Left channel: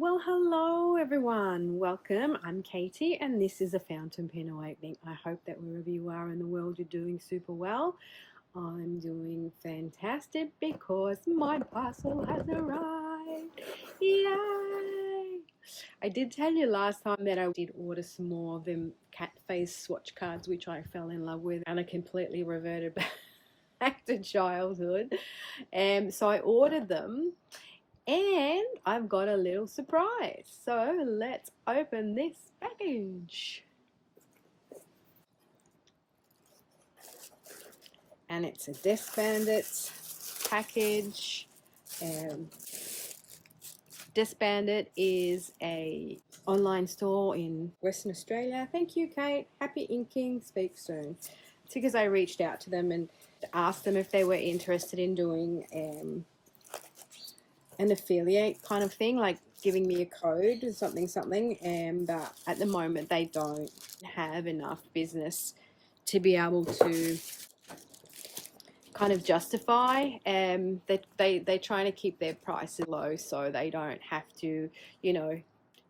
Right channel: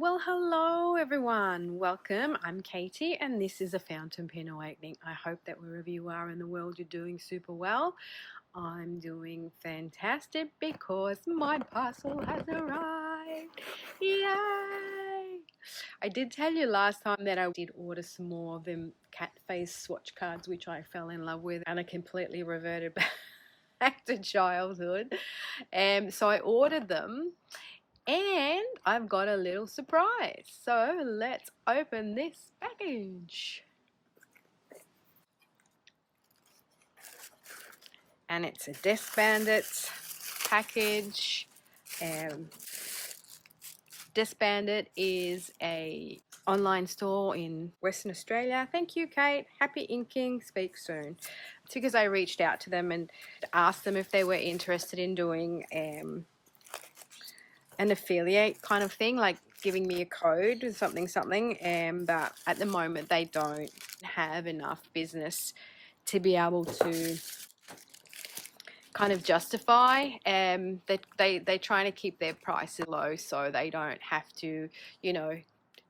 Well, hello everyone. Welcome. I'm Katie and this is a Fountain Pen Awakening. I hope that wherever you are in the world you're doing super well. I'm doing fantastic because my parcel has arrived. Yay! I did tell you last time that I did order some more of them cat face swatch cards, which I fell in love with, and I completely reverted back to childhood. So I ordered them. And I've got a little surprise. So let's open this package. And it's a Desk Bandit package. Desk Bandit is a online store in Western Australia. Thank you, Kate. Happy inking. Speak soon. It's because I reached out to them and asked them if they were interested in doing an affiliate kind of thing, like giving me a code or something, but at the moment they don't have enough business to be able to kind of justify they're trying to keep their prices low so they don't have to, you know,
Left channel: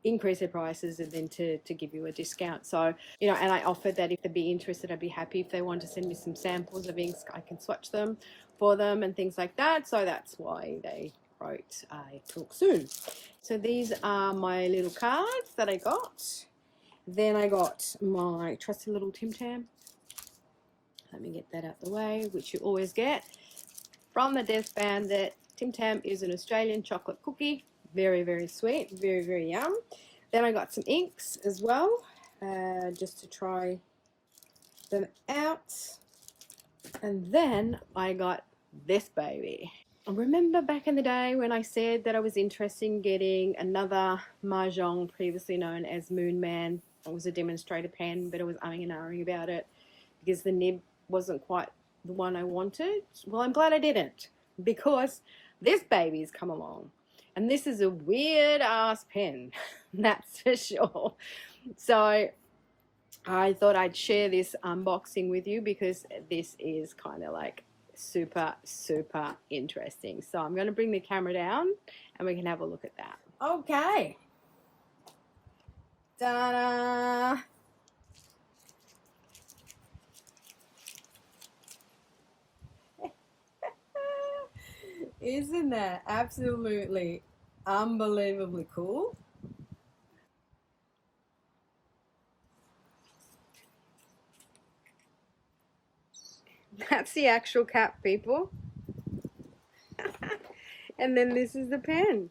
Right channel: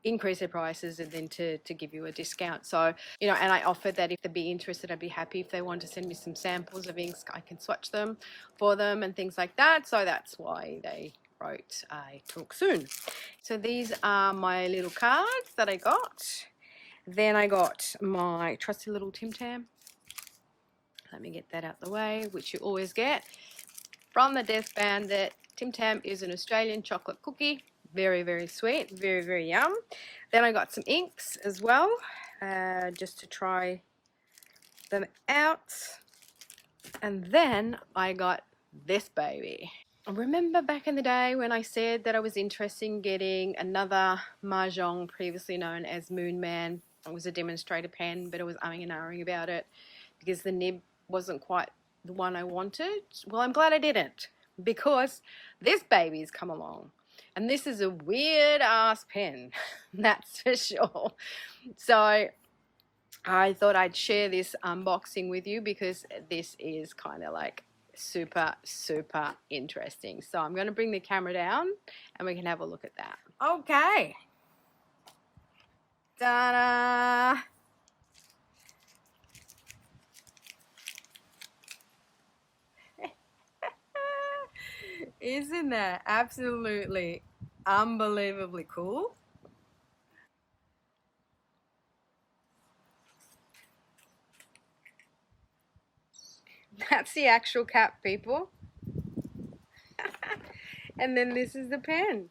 increase their prices and then to give you a discount. So, you know, and I offered that if they'd be interested, I'd be happy if they want to send me some samples of inks. I can swatch them for them and things like that. So that's why they wrote I talk soon. So these are my little cards that I got. Then I got my trusty little Tim Tam. Let me get that out the way, which you always get from the Desk Bandit. Tim Tam is an Australian chocolate cookie. Very, very sweet. Very, very yum. Then I got some inks as well, just to try them out. And then I got this baby. Remember back in the day when I said that I was interested in getting another Majohn, previously known as Moon Man. It was a demonstrator pen, but I was umming and ahhing about it because the nib wasn't quite the one I wanted. Well, I'm glad I didn't, because this baby's come along. And this is a weird ass pen, that's for sure. So I thought I'd share this unboxing with you because this is kind of like super interesting. So I'm going to bring the camera down and we can have a look at that. Okay. Ta-da! Isn't that absolutely unbelievably cool? That's the actual cap, people. And then this is the pen.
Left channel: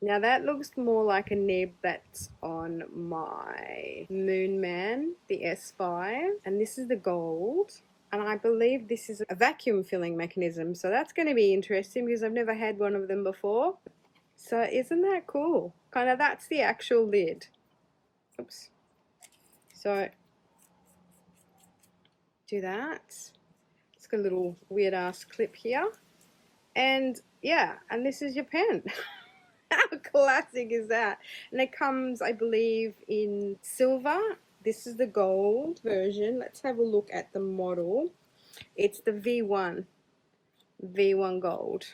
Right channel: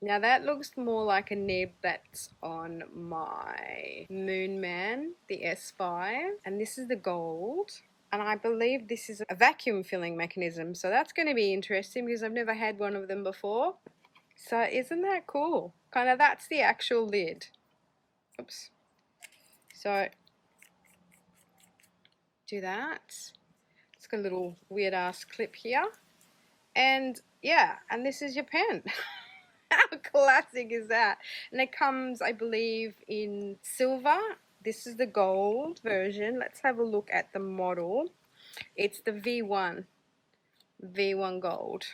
Now that looks more like a nib that's on my Moon Man, the S5. And this is the gold. And I believe this is a vacuum filling mechanism. So that's going to be interesting because I've never had one of them before. So isn't that cool? Kind of that's the actual lid. Oops. So do that. It's got a little weird ass clip here. And yeah, and this is your pen. How classic is that? And it comes, I believe, in silver. This is the gold version. Let's have a look at the model. It's the V1 Gold.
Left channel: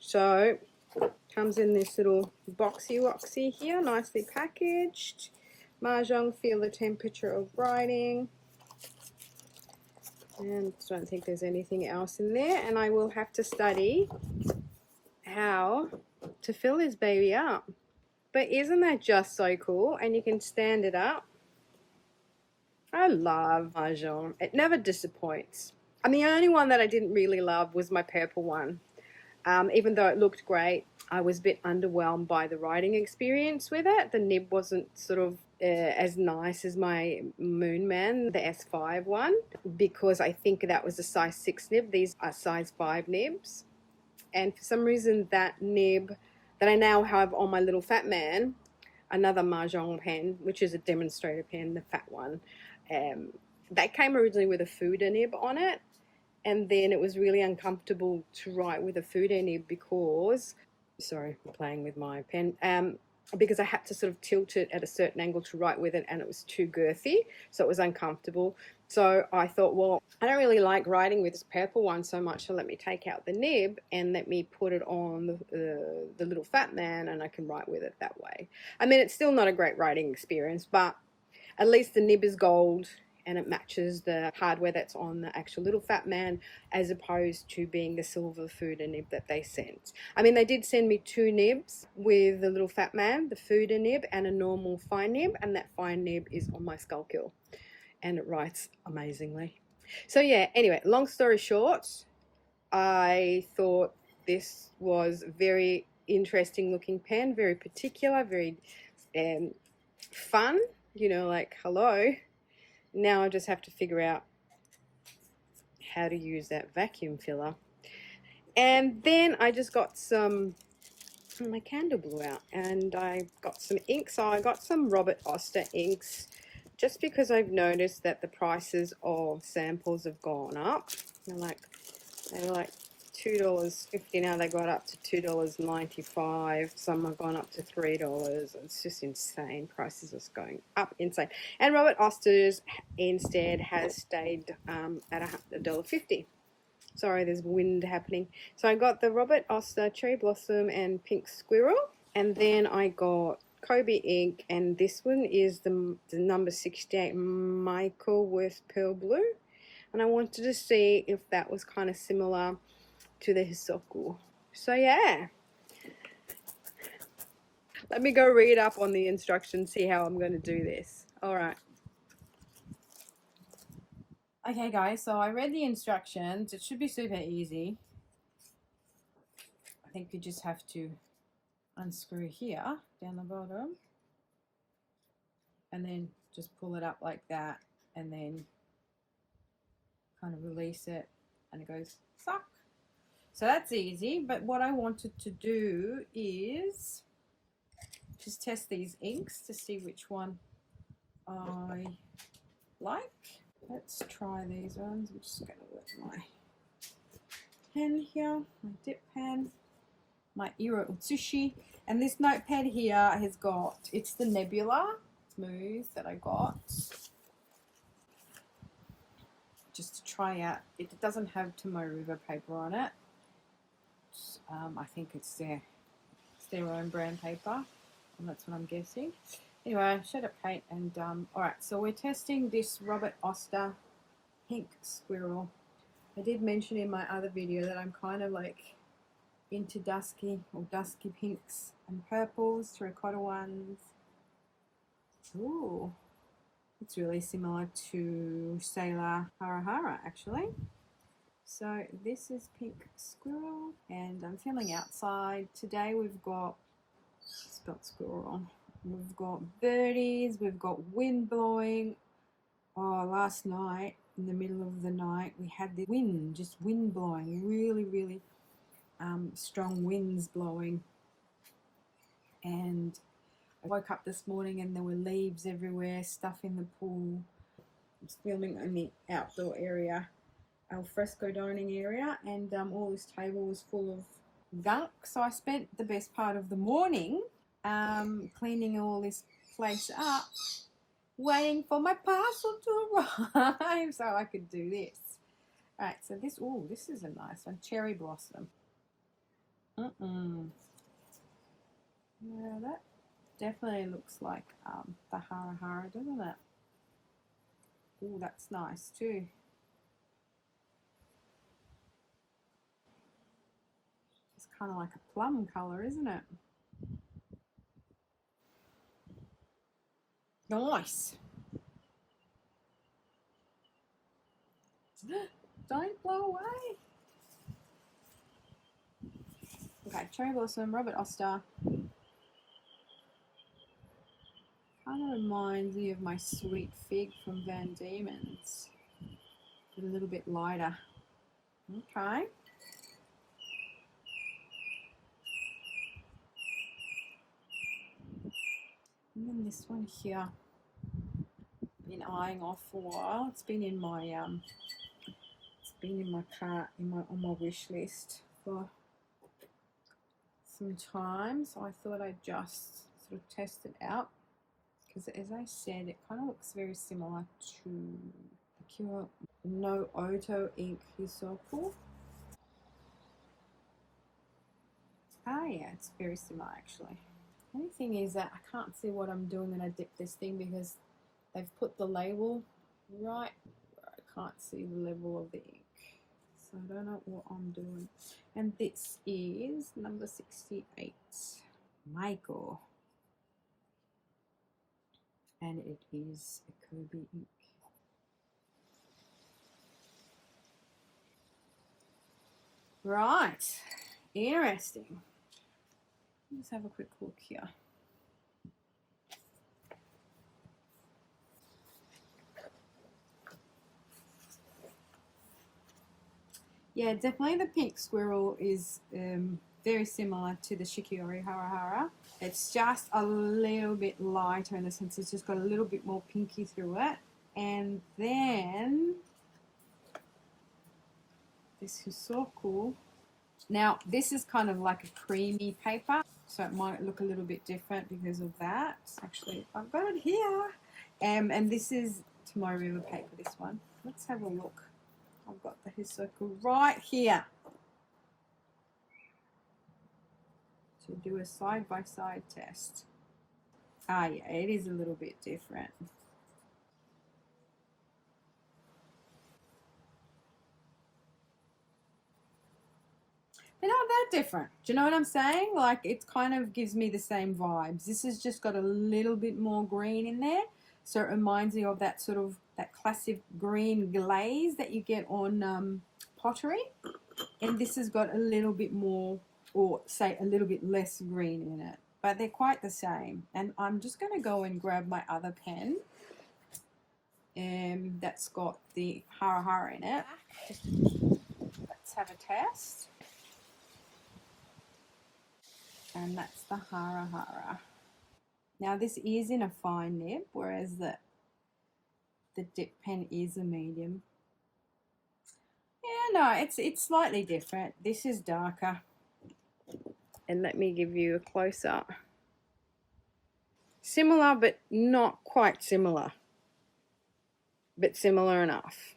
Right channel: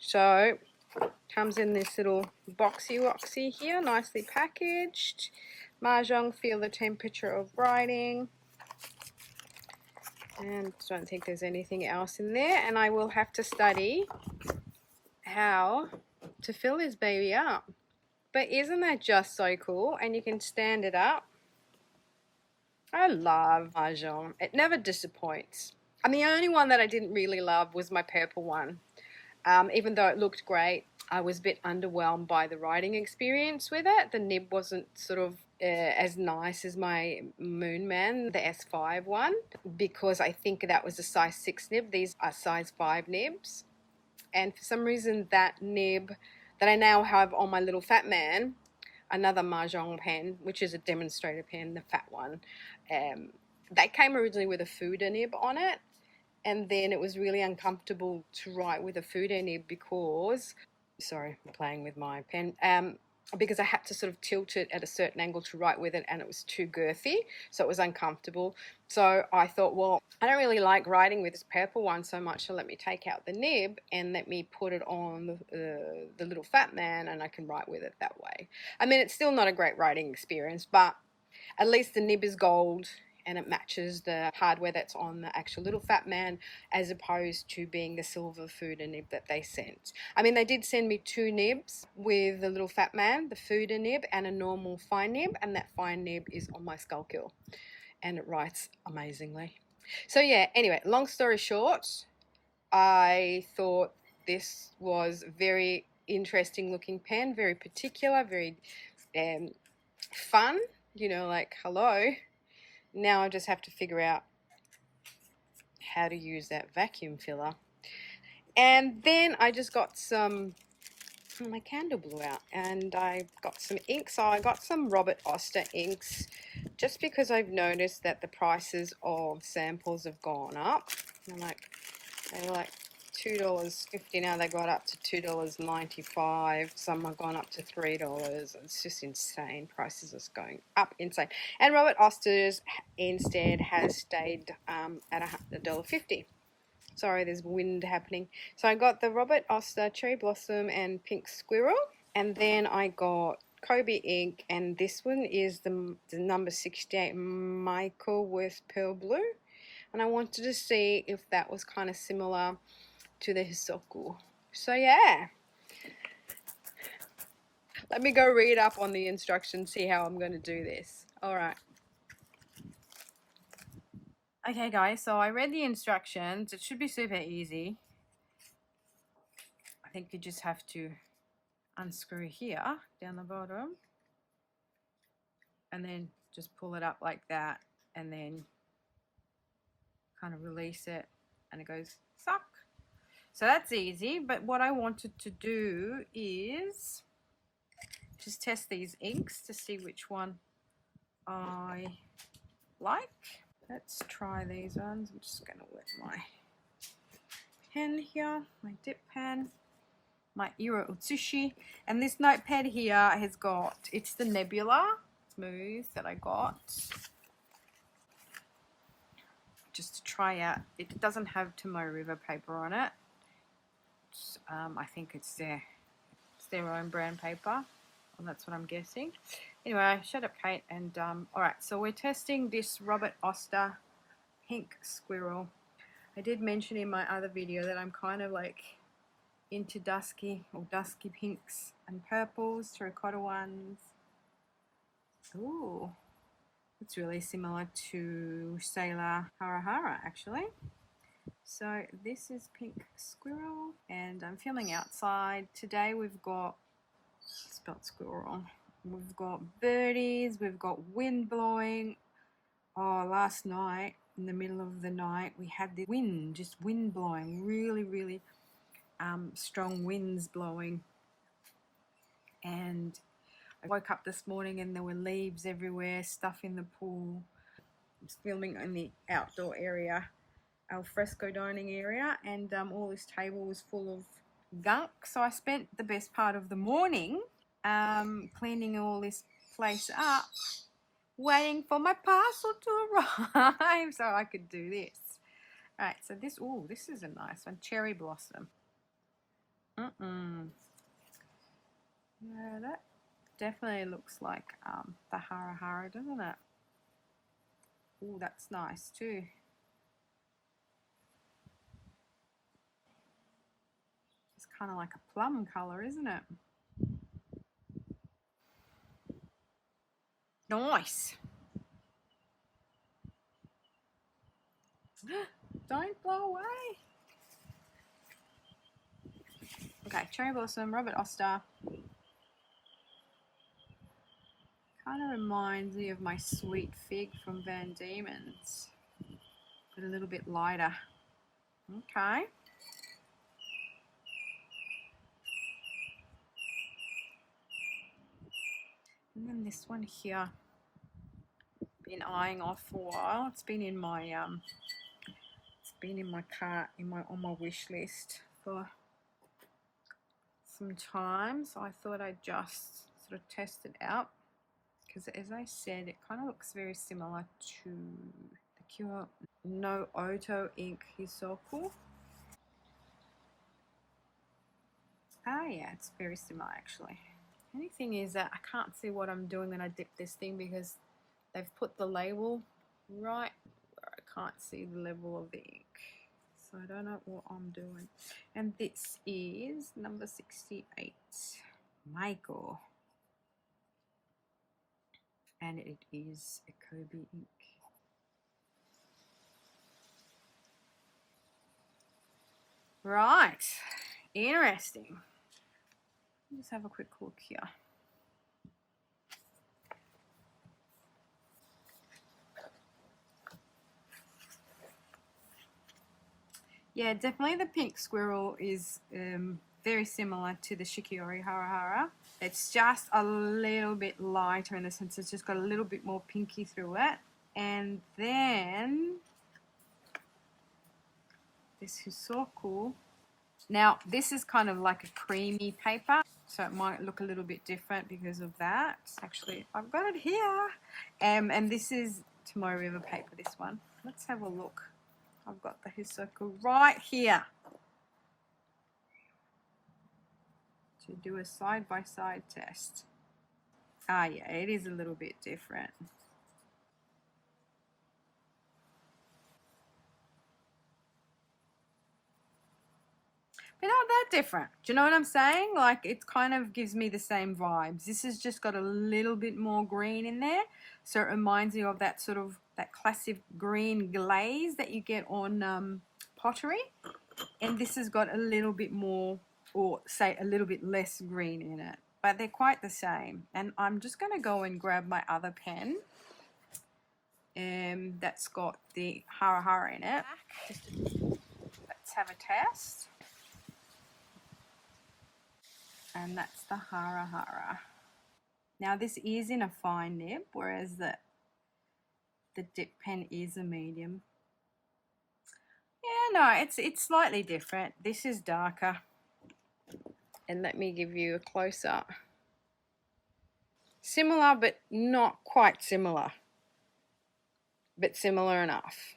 So comes in this little boxy woxy here, nicely packaged. Majohn, feel the temperature of writing. And I don't think there's anything else in there. And I will have to study how to fill this baby up. But isn't that just so cool? And you can stand it up. I love Majohn. It never disappoints. And the only one that I didn't really love was my purple one. Even though it looked great, I was a bit underwhelmed by the writing experience with it. The nib wasn't sort of as nice as my Moon Man, the S5 one, because I think that was a size 6 nib. These are size 5 nibs. And for some reason that nib that I now have on my little Fat Man, another Majohn pen, which is a demonstrator pen, the fat one, that came originally with a Fuda nib on it. And then it was really uncomfortable to write with a Fuda nib because, sorry, I'm playing with my pen, because I had to sort of tilt it at a certain angle to write with it and it was too girthy, so it was uncomfortable. So I thought, well, I don't really like writing with this purple one so much, so let me take out the nib and let me put it on the little fat man, and I can write with it that way. I mean, it's still not a great writing experience, but at least the nib is gold and it matches the hardware that's on the actual little fat man, as opposed to being the silver Fuda nib that they sent. I mean, they did send me 2 nibs with the little fat man, the Fuda nib and a normal fine nib, and that fine nib is on my Skullkill and it writes amazingly. So yeah, anyway, long story short, I thought this was very interesting looking pen, very particular, very fun, you know, like, hello. Now I just have to figure out how to use that vacuum filler. And then I just got some, my candle blew out, and I got some ink. So I got some Robert Oster inks, just because I've noticed that the prices of samples have gone up. They were like $2.50, now they got up to $2.95. Some have gone up to $3. It's just insane. Prices are going up insane. And Robert Oster's instead has stayed at $1.50. Sorry, there's wind happening. So I got the Robert Oster Cherry Blossom and Pink Squirrel, and then I got Kobe ink, and this one is the number 68 Maiko with Pearl Blue, and I wanted to see if that was kind of similar to the Hisoku. So yeah, let me go read up on the instructions, see how I'm going to do this. All right. Okay guys, so I read the instructions. It should be super easy. I think you just have to unscrew here down the bottom and then just pull it up like that, and then kind of release it and it goes suck. So that's easy, but what I wanted to do is just test these inks to see which one I like. Let's try these ones. I'm just going to wet my pen here, my dip pen, my Iro Utsushi, and this notepad here has got, it's the Nebula Smooth that I got just to try out. It doesn't have Tomoe River paper on it. I think it's their own brand paper, and that's what I'm guessing. Anyway, shut up, Kate. And all right, so we're testing this Robert Oster Pink Squirrel. I did mention in my other video that I'm kind of like into dusky pinks and purples, terracotta ones. Ooh, it's really similar to Sailor Hara Hara actually. So this is Pink Squirrel, and I'm filming outside. Today we've got, spelled squirrel, we've got birdies, we've got wind blowing. Oh, last night, in the middle of the night, we had the wind, just wind blowing, really strong winds blowing. And I woke up this morning and there were leaves everywhere, stuff in the pool. I was filming in the outdoor area, al fresco dining area, and all this table was full of gunk. So I spent the best part of the morning cleaning all this place up, waiting for my parcel to arrive so I could do this. All right, so this, oh, this is a nice one, Cherry Blossom. No, that definitely looks like the Hara Hara, doesn't it? Oh, that's nice too. It's kind of like a plum color, isn't it? Nice. Don't blow away. Okay, Cherry Blossom, Robert Oster. Kind of reminds me of my Sweet Fig from Van Diemen's, but a little bit lighter. Okay. And then this one here, been eyeing off for a while. It's been in my cart, on my wish list for some time. So I thought I'd just sort of test it out, because as I said, it kind of looks very similar to the Pure no auto ink Hisoku. Ah, yeah, it's very similar actually. Only thing is that I can't see what I'm doing when I dip this thing because they've put the label right where I can't see the level of the ink. So I don't know what I'm doing. And this is number 68, Maiko. And it is a Kobe ink. Right, interesting. Let's have a quick look here. Yeah, definitely the pink squirrel is very similar to the Shikiori Harahara. It's just a little bit lighter in the sense it's just got a little bit more pinky through it. And then this Hisoku. Now, this is kind of like a creamy paper, so it might look a little bit different because of that. Actually, I've got it here. And this is Tomorrow River paper, this one. Let's have a look. I've got the Hisoku right here to do a side-by-side test. Ah, yeah, it is a little bit different. But not that different. Do you know what I'm saying? Like, it kind of gives me the same vibes. This has just got a little bit more green in there. So it reminds me of that sort of, that classic green glaze that you get on pottery. And this has got a little bit more, or say a little bit less green in it. But they're quite the same. And I'm just going to go and grab my other pen. That's got the Harahara in it. Let's have a test. And that's the Harahara. Now this is in a fine nib, whereas the dip pen is a medium. Yeah, no, it's slightly different. This is darker. And let me give you a close-up. Similar, but not quite similar. But similar enough.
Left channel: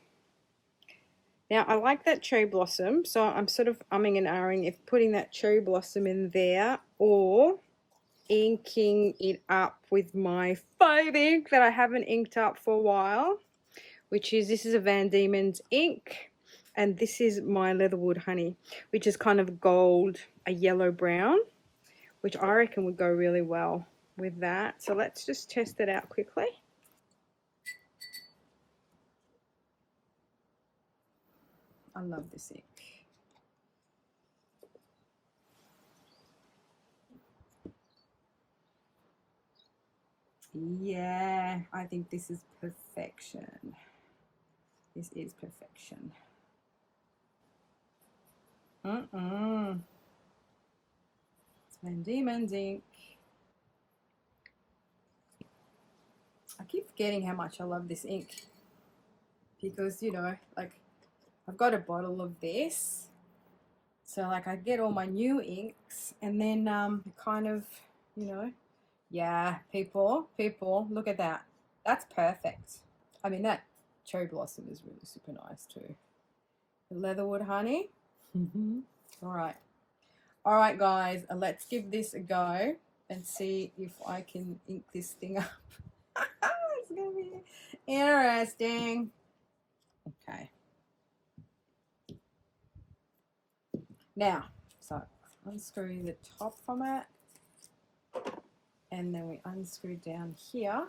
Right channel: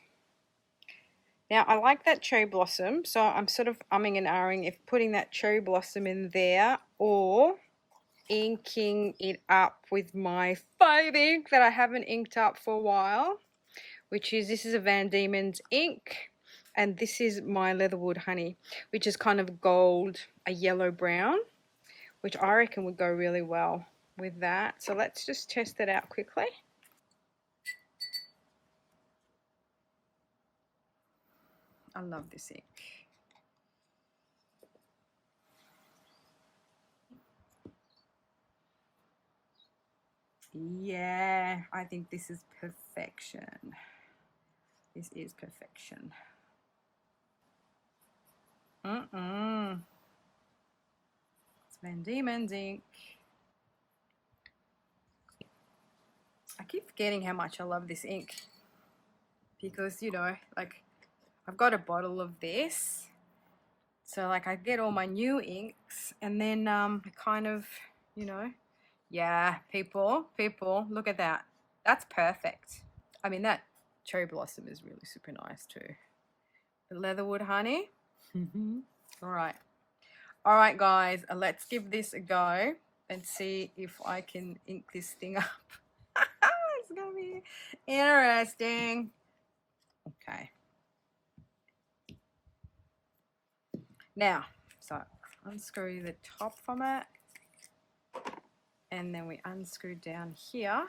Now, I like that cherry blossom, so I'm sort of umming and ahhing if putting that cherry blossom in there or inking it up with my faux ink that I haven't inked up for a while, which is, this is a Van Diemen's ink, and this is my Leatherwood Honey, which is kind of gold, a yellow brown, which I reckon would go really well with that. So let's just test it out quickly. I love this ink. Yeah, I think this is perfection. This is perfection. It's Van Diemen's ink. I keep forgetting how much I love this ink because, you know, like I've got a bottle of this, so like I get all my new inks and then kind of, you know, yeah, people, look at that. That's perfect. I mean, that cherry blossom is really super nice too. The Leatherwood Honey. All right, guys, let's give this a go and see if I can ink this thing up. It's gonna be interesting. Okay. Now, so unscrew the top from it, and then we unscrew down here,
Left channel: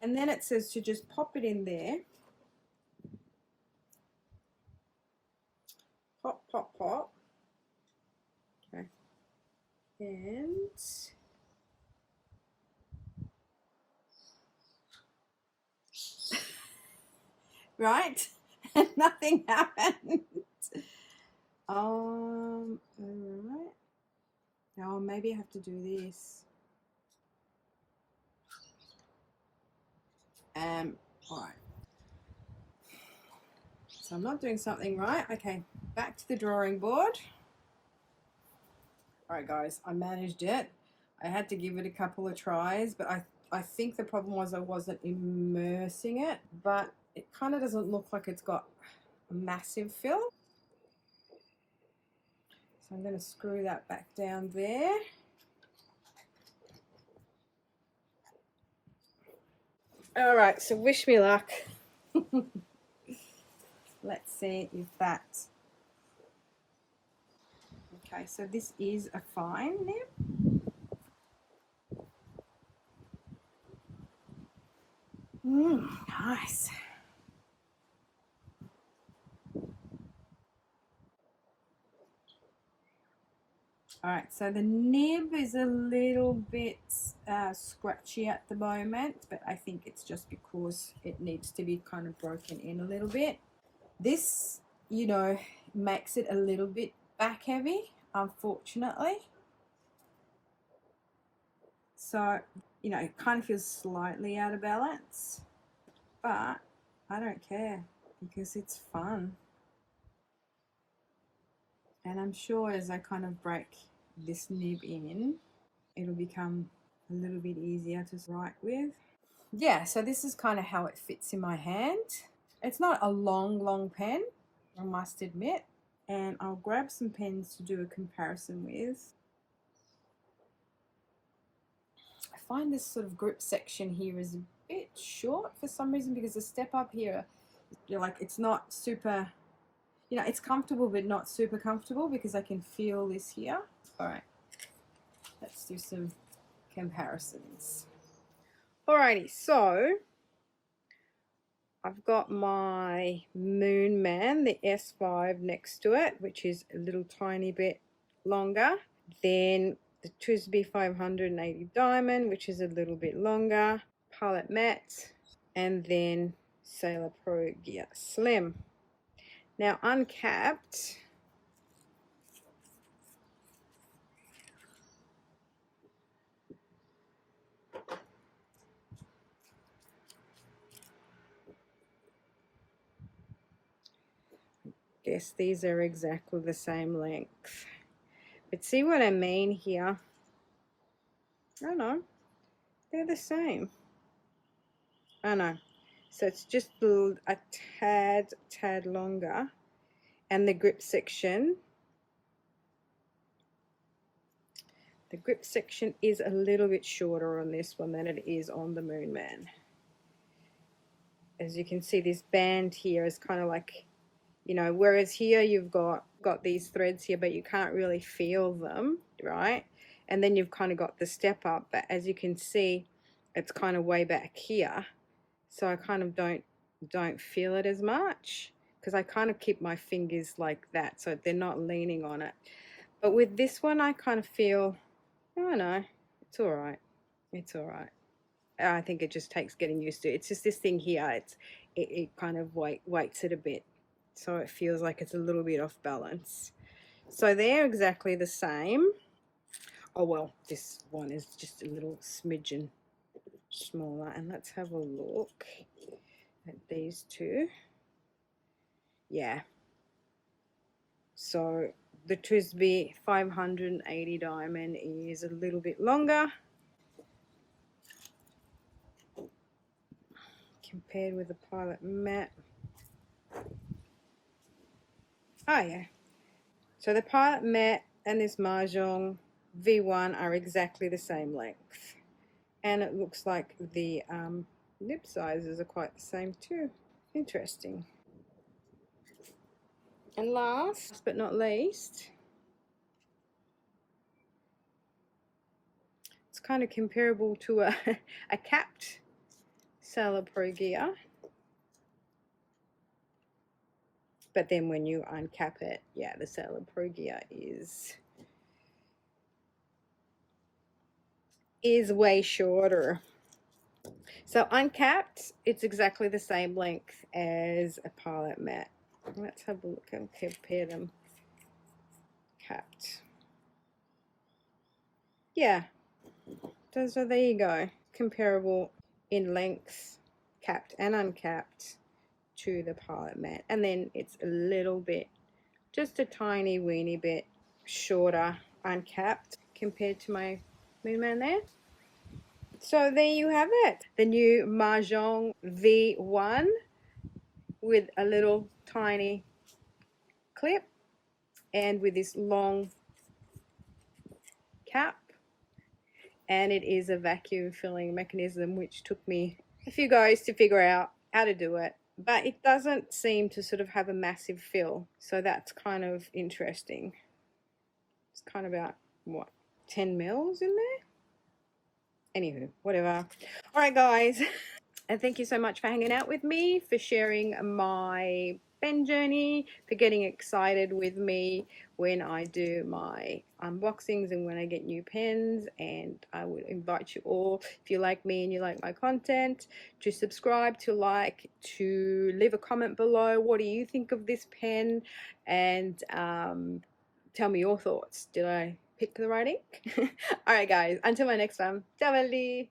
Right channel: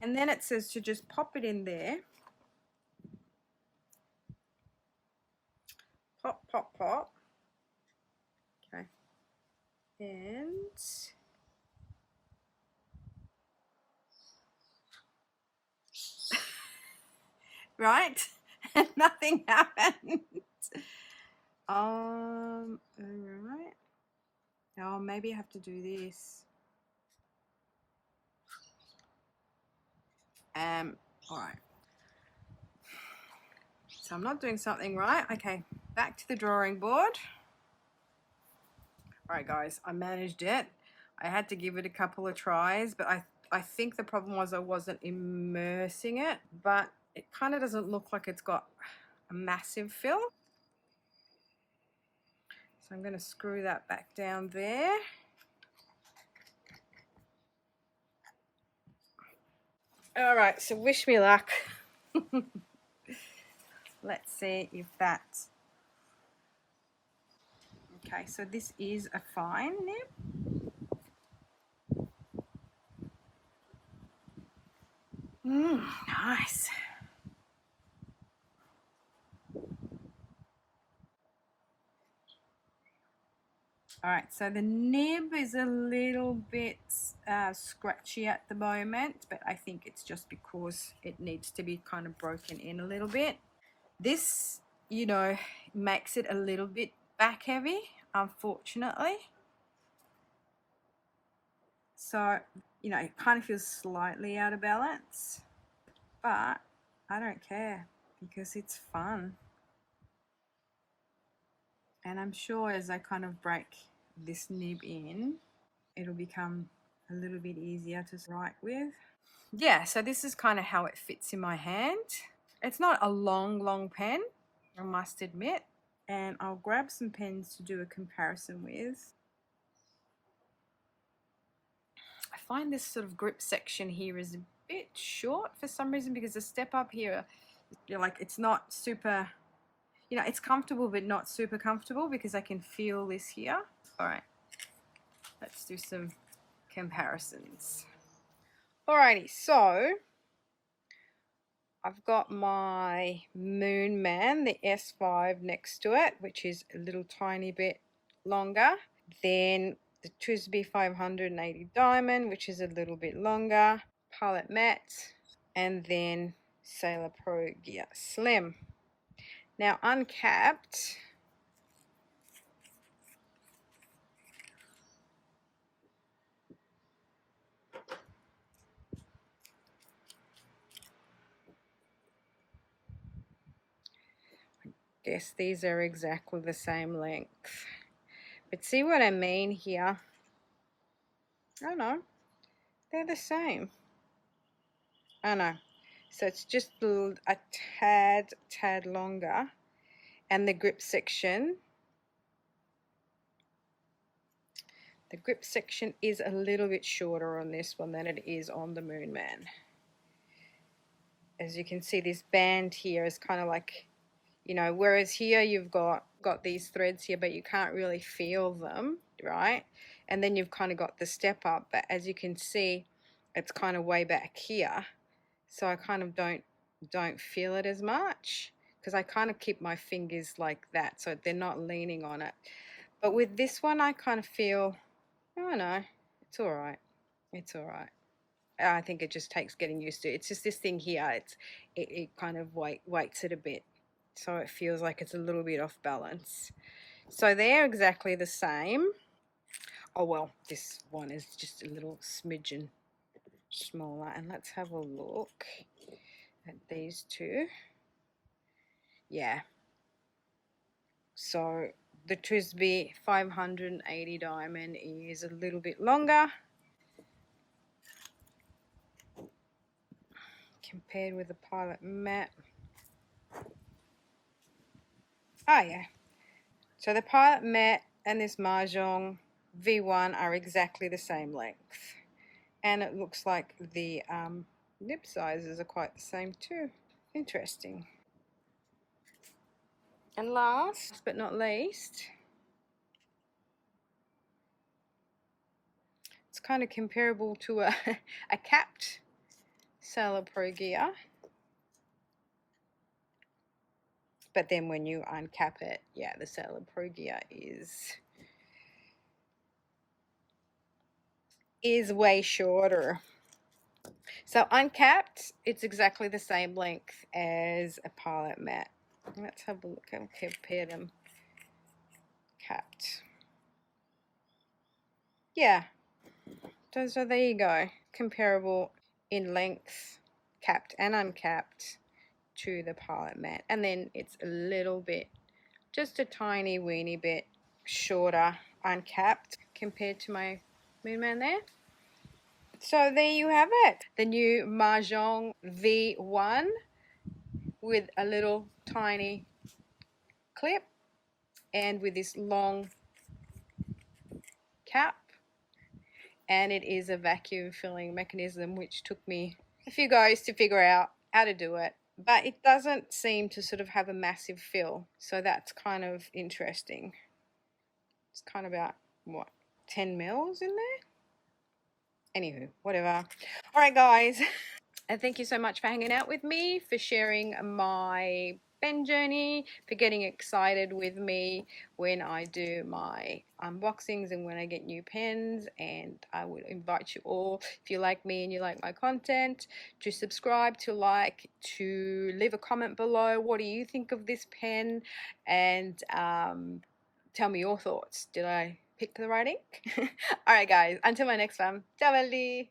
and then it says to just pop it in there. Pop, pop, pop. Okay. And right, and nothing happened. Right. Oh, maybe I have to do this. All right. So I'm not doing something right. Okay, back to the drawing board. All right, guys, I managed it. I had to give it a couple of tries, but I think the problem was I wasn't immersing it, but it kind of doesn't look like it's got a massive fill. So I'm going to screw that back down there. All right, so wish me luck. Let's see if that... Okay, so this is a fine nib. Nice. All right, so the nib is a little bit scratchy at the moment, but I think it's just because it needs to be kind of broken in a little bit. This, you know, makes it a little bit back heavy, unfortunately. So, you know, it kind of feels slightly out of balance, but I don't care because it's fun. And I'm sure as I kind of break this nib in, it'll become a little bit easier to write with. Yeah, so this is kind of how it fits in my hand. It's not a long pen, I must admit. And I'll grab some pens to do a comparison with. I find this sort of grip section here is a bit short for some reason, because the step up here, you're like, it's not super, you know, it's comfortable but not super comfortable because I can feel this here. All right, let's do some comparisons. Alrighty, so I've got my Moon Man, the S5 next to it, which is a little tiny bit longer. Then the TWSBI 580 Diamond, which is a little bit longer. Pilot Matte, and then Sailor Pro Gear Slim. Now uncapped, I guess these are exactly the same length. But see what I mean here? Oh no, they're the same. Oh no, so it's just a tad longer. And the grip section, is a little bit shorter on this one than it is on the Moon Man. As you can see, this band here is kind of like, you know, whereas here you've got these threads here, but you can't really feel them, right? And then you've kind of got the step up, but as you can see, it's kind of way back here. So I kind of don't feel it as much because I kind of keep my fingers like that, so they're not leaning on it. But with this one, I kind of feel, oh no, it's all right. It's all right. I think it just takes getting used to. It's just this thing here. It kind of weights it a bit, so it feels like it's a little bit off balance. So they're exactly the same. Oh well, this one is just a little smidgen smaller. And let's have a look at these two. Yeah. So the TWSBI 580 Diamond is a little bit longer compared with the Pilot Matte. Oh yeah. So the Pilot Matte and this Majohn V1 are exactly the same length. And it looks like the nib sizes are quite the same too. Interesting. And last but not least, it's kind of comparable to a capped Sailor Pro Gear. But then when you uncap it, yeah, the Sailor Pro Gear is way shorter. So uncapped, it's exactly the same length as a Pilot Matte. Let's have a look and compare them. Capped. Yeah. So there you go. Comparable in length, capped and uncapped, to the Pilot Matte. And then it's a little bit, just a tiny weeny bit shorter uncapped compared to my Moon Man there. So there you have it. The new Majohn V1 with a little tiny clip and with this long cap. And it is a vacuum filling mechanism, which took me a few goes to figure out how to do it. But it doesn't seem to sort of have a massive fill. So that's kind of interesting. It's kind of about, what, 10 mils in there? Anywho, whatever. All right, guys. And thank you so much for hanging out with me, for sharing my pen journey, for getting excited with me when I do my unboxings and when I get new pens. And I would invite you all, if you like me and you like my content, to subscribe, to like, to leave a comment below. What do you think of this pen? And tell me your thoughts. Did I pick the right ink? All right, guys. Until my next one. Ciao, belli.